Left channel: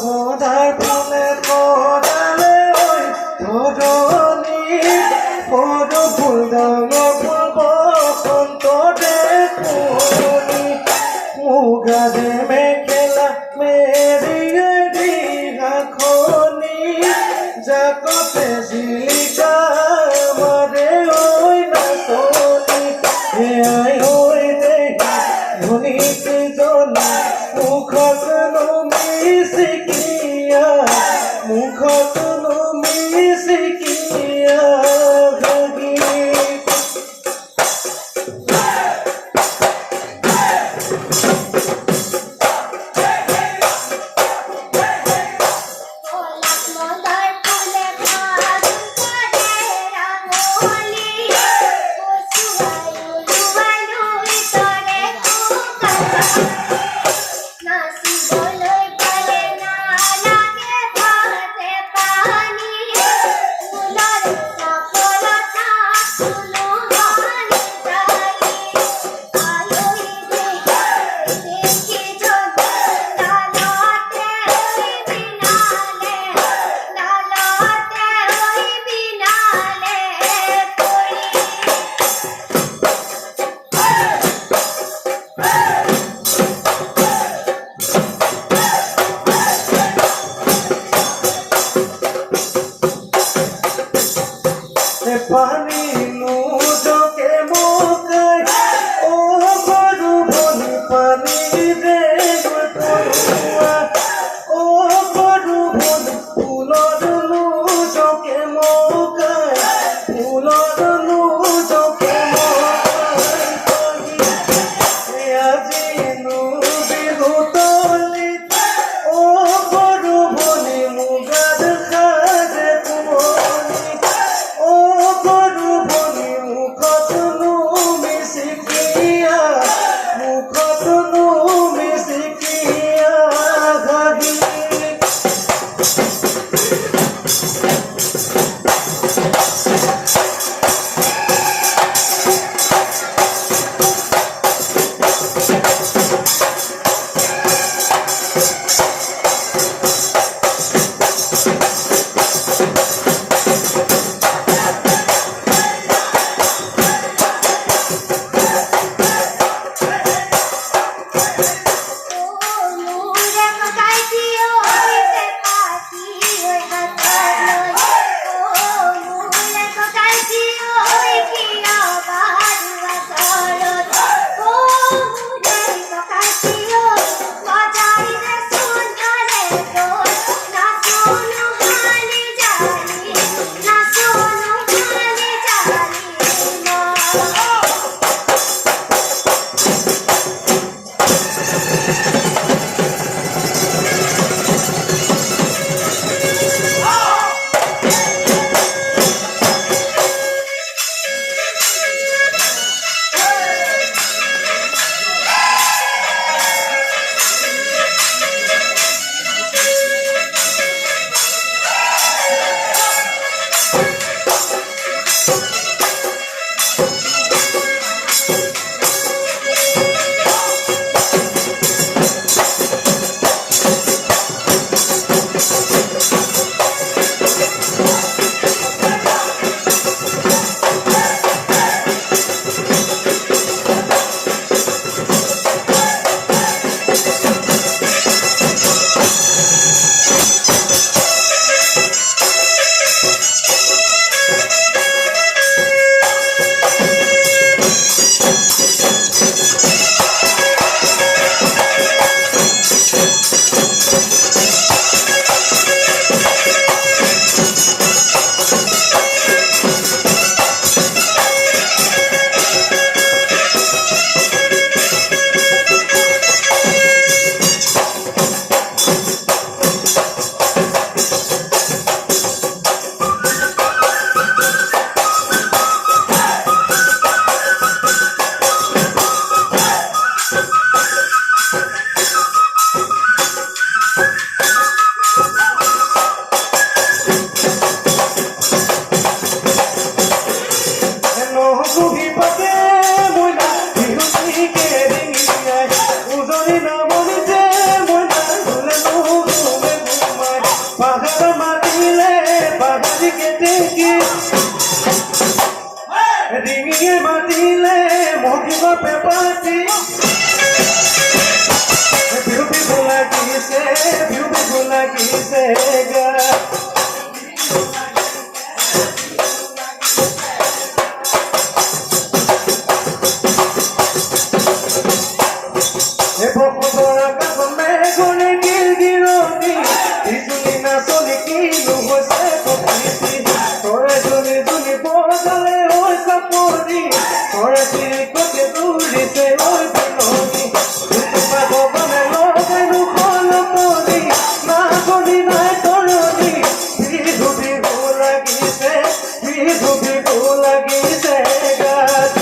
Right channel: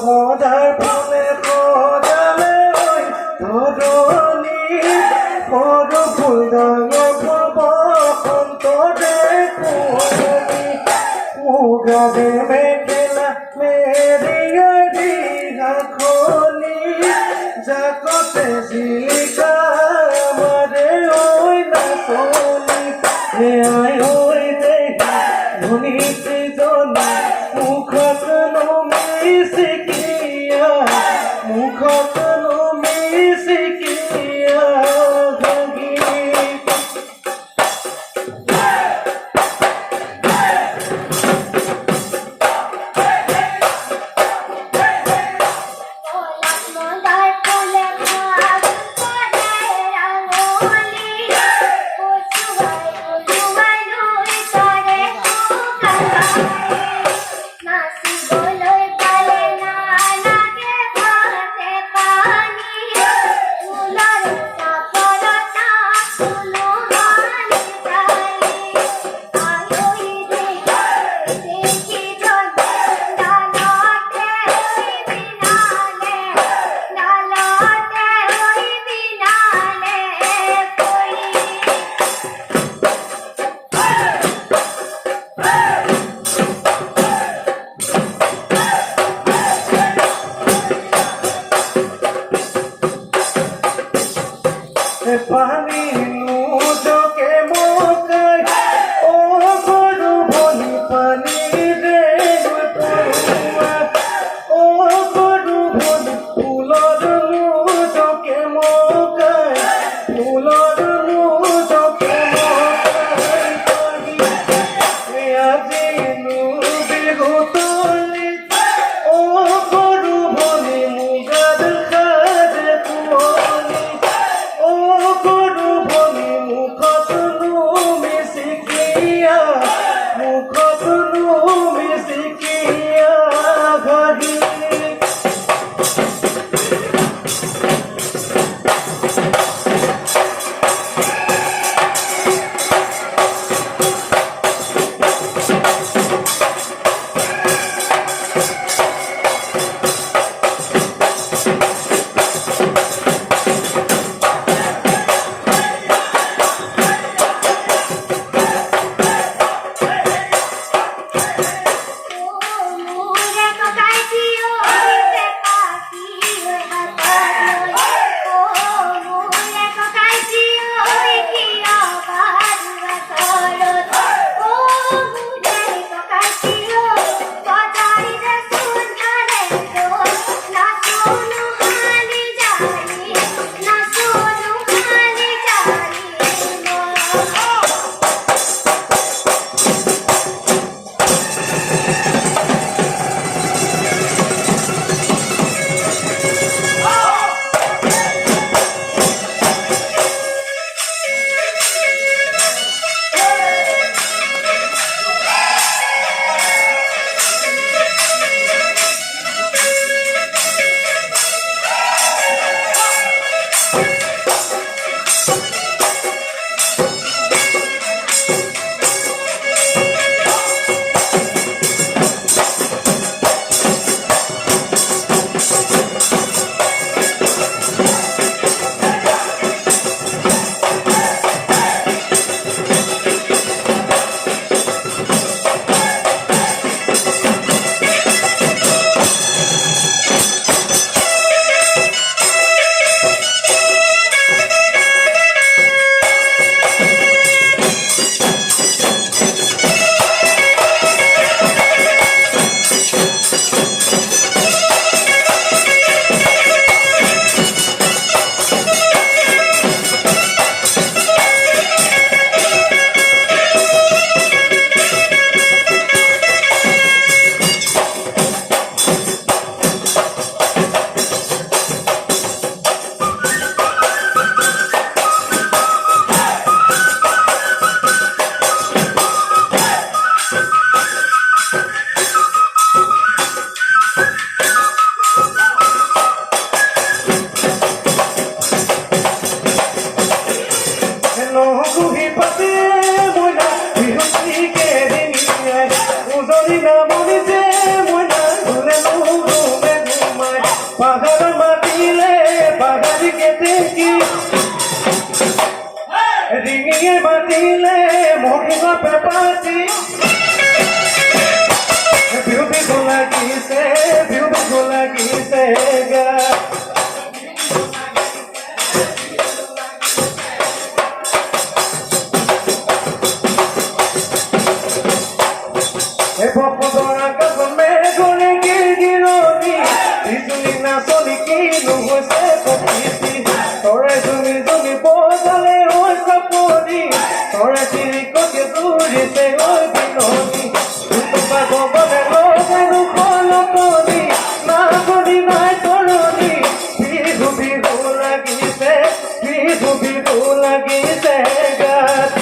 খোদার ফুলে খোদালে ওই ধরনি বড় ফুল দাঙা বসন্ত দেখুনি মুগাদে মেখেলা মেরিয়া দিঘা খনি জাকতে জিলিকা আমারে ওই না খনি হে আয় ওই দেখি ধনিতে জনা মুখত মিশিকিয়া মুখত মিশিকিয়া ভগি পানি নুজকে মোকাই ও গরু বনি পানি রে গুটুয়া ও গরু বনি ফুলর নুজকে মোকাই ফুলর নুজকে মোকাই এ আজি নুবি হুতলি ও গরু বনি মুগাদ খাজে কুমনি বাপে পাতি বিহু বিহু লাগিছে গা ভগৱান কামে গলে গিৰগিৰণি বিজুলী নাচনি কিনো হৈছে প্ৰকৃতি তৰে জুনি জুনি বজালে হৈ চাপৰি তৰে চিৰিকটি দৌৰিছে হৈ বিননি ভগৱানে লগানো কলপৰি নাচনি নাই তৰণি বিহু বিহু লাগিছে গাত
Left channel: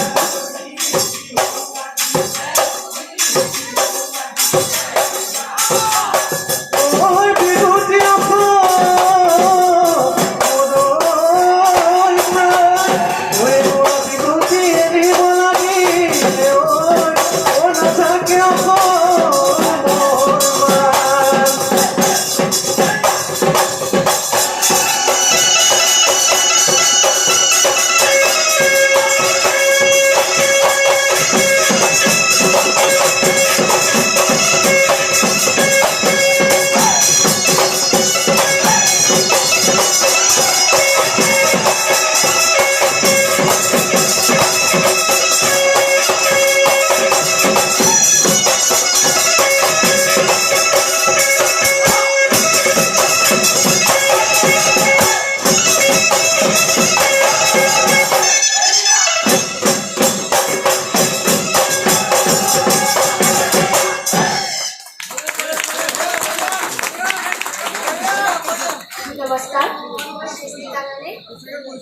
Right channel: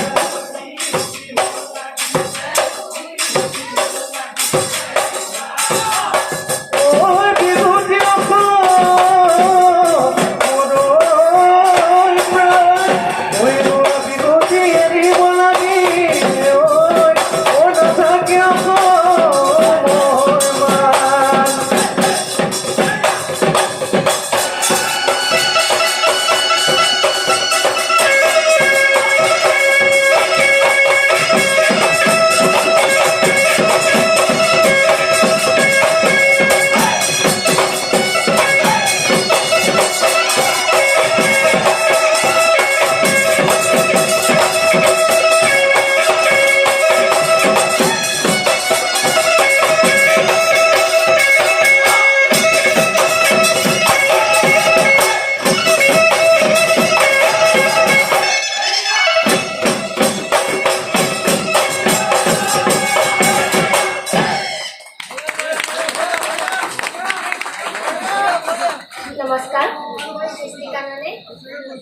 নমস্কাৰ মই সৃষ্টিকাননে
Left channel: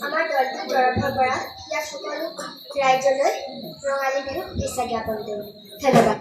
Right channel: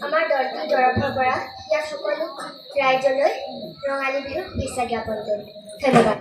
আমাৰ দলটোৰ তৰফৰ পৰা ইয়াৰ সকলো ৰাইজলৈ ৰঙালী বিহুৰ শুভেচ্ছা জ্ঞাপন কৰিলোঁ ধন্যবাদ।